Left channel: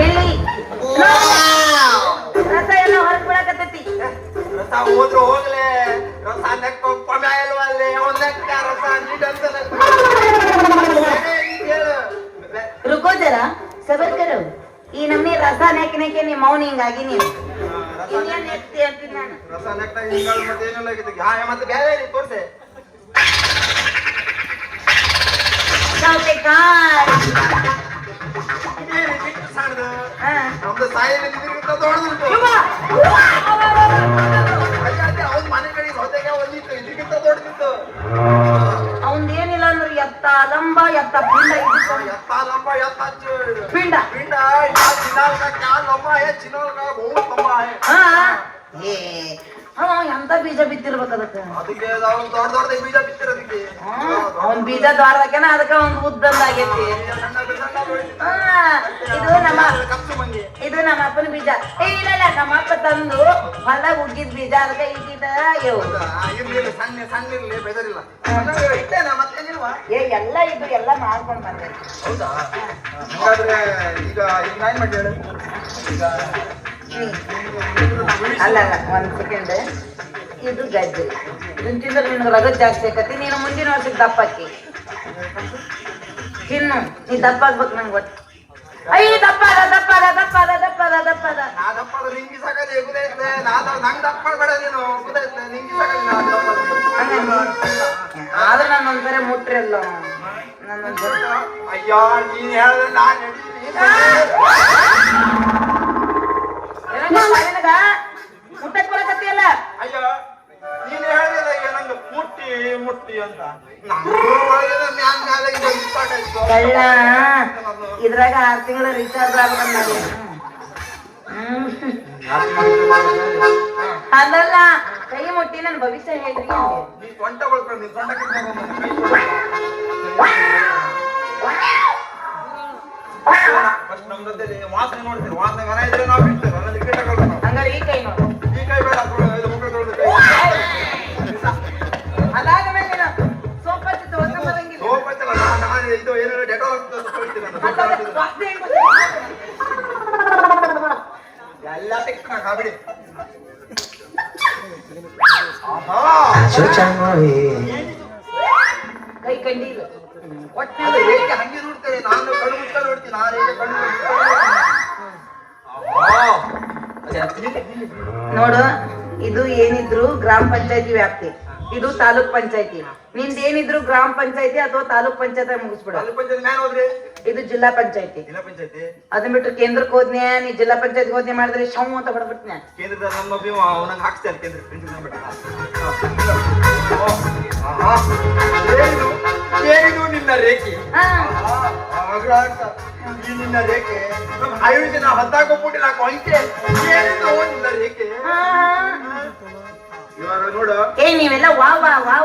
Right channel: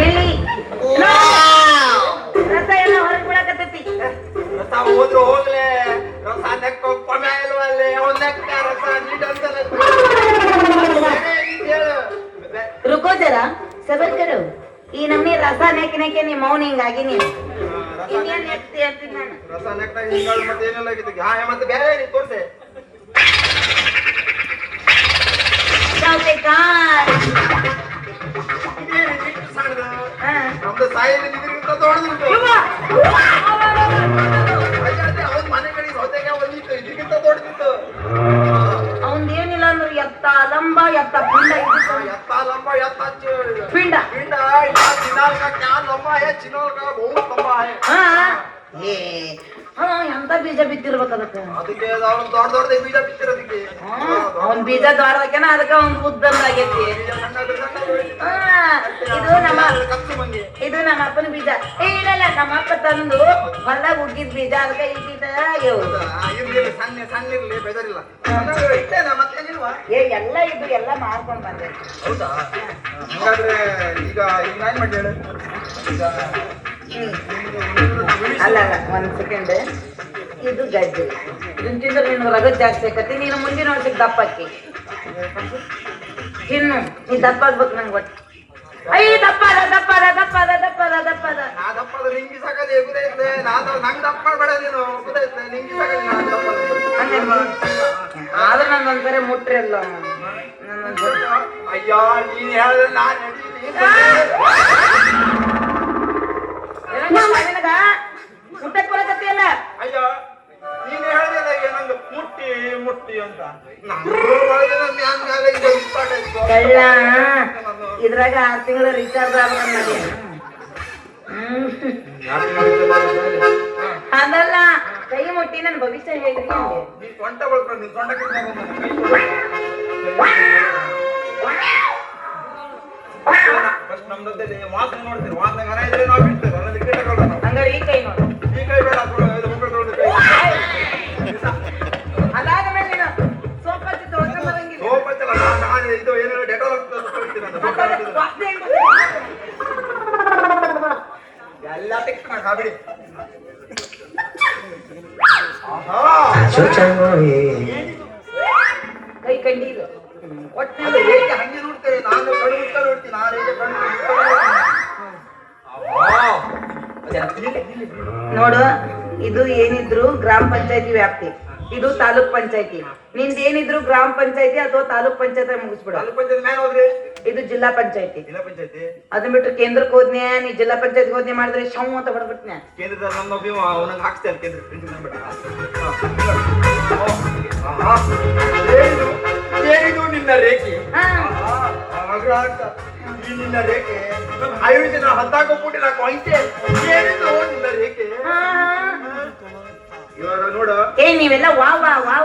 ಬಿಳಿ ರಸ ಎಲ್ಲ ಹೊರಗ್ ಬಿಡಕತ್ತೈತಿ ರಸ ಹೋದ್ರು ಹೋಗ್ಲೆ ರಸ ನೆಕ್ಕೋ ಕೊನೆ ಇಲ್ವಲ್ಲಿ ರಸ ಹೇಳು ರುಕೋ ಜರ ಸಬರ್ ಈ ನಮ್ನಿ ರಸ ನೆಕ್ ನೆಕ್ಕೆ ನಿಮ್ಮ ಮೌನ ಹಿಂಗಾಗಿ ನೀನು. ಇನ್ನೇನ್ ನೆಕ್ತಿ ಅಂತೀನಿ ನಾನು. ರಸ ನೆಕ್ಕ ಹಿಂಗಾಗಿ ಮತ್ತೆ ಏನೆಲ್ಲ ಆಗಿತ್ತು ಹಾ ಮತ್ತೆ ಬೇರೆ ರೀ ತೋರ್ಸೆ. ಮನೆ ಎತ್ತ ಲಂಬ ಎತ್ತ ಲಂಬ ಲಂಬ ಎಂತ ಬೀಜ ಬಿತ್ತಿರ್ಬೇಕು ಅದಕ್ಕೆ? ಅದಕ್ಕೆ ಅವನ್ ದೊಡ್ಡ ಬೀಜ ಬಿತ್ತಿರೋದಕ್ಕೆ. ಬೀಜ ದ್ವಾರದಕ್ಕೆ ಅದಕ್ಕೆ ಅವ್ನ್ ಉದ್ದಂದಾಗೈತಿ. ತಂದು ಹೊಲ ಉಗ್ಗಿದ್ ಬೀಜ ಅದಕ್ಕೆ? ಇರ್ಲಿ ಸಣ್ಣ ಸಣ್ಣ ಇರ್ಲಿ ಬೆದರಿಲ್ಲ. ಇಟ್ಟೇನ ಮತ್ತೇನಿಲ್ವಾ ಏ ಎಲ್ಲ ಇದು ಎಲ್ಲ ಮಾಡ್ಕೊಂಡ್ ಬಂದೆ. ಹೌದಾ? ಹಾಗಾದ್ರೆ ಈಗ ಈಗ ನಾನ್ ಮಾಡಿ ಹೇಳು? ಈಗ ಅಲ್ಲ ಒಂದು ಸೆಕೆಂಡ್ ಇದು ಗಜ್ಜೆ ಇದನ್ನ ತಿಂದ್ರೆ ನಿನ್ಗೆ ರಗತ್ ಜಾಸ್ತಿ ಆಕತಿ ನೀನು ಮುಂದಿನ ವರ್ಷಕ್ಕೆ ದಪ್ಪ ಆಕಿ. ತಿನ್ನು ನೀ ದಪ್ಪ ಆಗ್ಬೇಕು ನಂಗೆ ಗೊತ್ತು. ಅಯ್ಯ ನಾನು ನಂಗೆ ದಪ್ಪ ಮಾಡಬೇಡ ನೀನು. ಆದ್ರೆ. ನಾನು ಒಂದ್ಸರಿ ಮುಟ್ರಲ್ಲ. ನಾನೊಂದ್ಸರಿ ಅಯ್ಯೋ ನೀನ್ ಹೇಳಿದ್ರೆ ನಾನು ನಡೀಲಿ ನಿನಗ ಮುಟ್ಟಕ್ ಬರಕತ್ತಿಯಲ್ಲ? ಅಯ್ಯೋ ನೀನ್ ಹೇಳಿದ್ರೆ ಈಗ ನಂಗೆ ಮುಟ್ಟಿ ಮುಟ್ಟಿ ಅಂತ. ಕಳ್ಳ ಇದ್ರಾಗ ಆರ್ ತಿಂಗಳ ರೀಚಾರ್ಜ್ ಆಗ್ಬಂದ ಅದಲ್ಲ ಕೈ ಮುಟ್ಟಿ ನನ್ನ ಭವಿಷ್ಯ ಹೇಳ್ರಿ. ನೀ ಸೊಂಟ ಬಳ್ಕೊಂಡು ನೀ ಸೊಂಟ ಫಸ್ಟ್ ನಮ್ದಲ್ಲಿ ವಾಸನೆ ನೋಡ್ತೀವಿ ವಾಸನೆ ಮನೆ ಇದ್ರೆ ನಾವು ಬಿಡ್ತೇವೆ ನನ್ನಲ್ಲಿ ಕೀಟಗಳು ಹಂಗಾರೆ ಈ ಕೈ ನೋಡು. ಈ ಕೈ ಬೇಡ ಇದು ಮುಖ ತೊಳ್ದು ಕೈ ಅದಾದ ಮೇಲೆ ನೀನು ಬರಂಗಿಲ್ಲ. ಇದು ಏನೋ ಡೆಟಾಲ್ ನಾನು ಮತ್ತೆ ಅದಕ್ಕೆ ವಾಸ್ನೆ ಹೆಂಗ್ ಬರ್ತದೆ? ಕೈ ಕಂಡಿಲ್ಲ ಒಟ್ಟಿನಲ್ಲಿ ಏಕೆ ಹಂಗೆ ನೋಡ್ತಾರೆ? ನಾನು ಕಣ್ಣು ಮುಟ್ಟ ನೋಡ್ತೀನಿ ನಾನು ಹೇಗೆ ಕಣ್ಣು ಮುಟ್ಟ ನೋಡ್ತೀನಿ. ನೋಡು ಇದು ಏನಿದ್ರು ಗ್ರಾಮ ಪಂಚಾಯತಿ ವ್ಯಾಪ್ತಿ. ಇದು ತಾಲೂಕ್ ಪಂಚಾಯತಿ. ನಿಂದ ಏನಿದ್ರು ಗ್ರಾಮ ಪಂಚಾಯತಿ ಅಥವಾ ತಾಲೂಕ್ ಪಂಚಾಯತ್ ಮುಗಿಸ್ಬಿಡು. ತಾಲೂಕ್ ಪಂಚಾಯತ್ ಮ್ಯಾನ್ ಹೋದ್ರಿ? ಇದು ಜಿಲ್ಲಾ ಪಂಚಾಯತಿ. ಜಿಲ್ಲಾ ಪಂಚಾಯತಿ? ಅದನ್ನ ಬಿಟ್ಟು ಕೇಂದ್ರಕ್ಕೆ ಹೋದ್ನೆ ನೀ ಜಿಲ್ಲಾ ಪಂಚಾಯತ್ ಹೋದ್ನೆ ಮಾಡಿದ್ರೆ ಶವ್ ಅಂತ ಹೊಡ್ಬಿಟ್ನೆ ಕೇಂದ್ರದ ನಮ್ಮ ಅವನಂಗೆ ಹಾಕ್ಸ್ತಾರೆ ಕೇಂದ್ರ ಏನಿದು ನಿನ್ನ ರೇಖೆ? ನಿನ್ನ ರೇಖೆ. ಹತ್ತಾಕೊಬಿಟ್ಟು ನಾಲ್ಕು ಅಂಕೆ ಏನಿದು ನಿನ್ನ ರೇಖೆ. ಇವಾಗ ನೋಡು. ಏ ನೀವೆಲ್ಲ ವಾ ವಾ ವಾ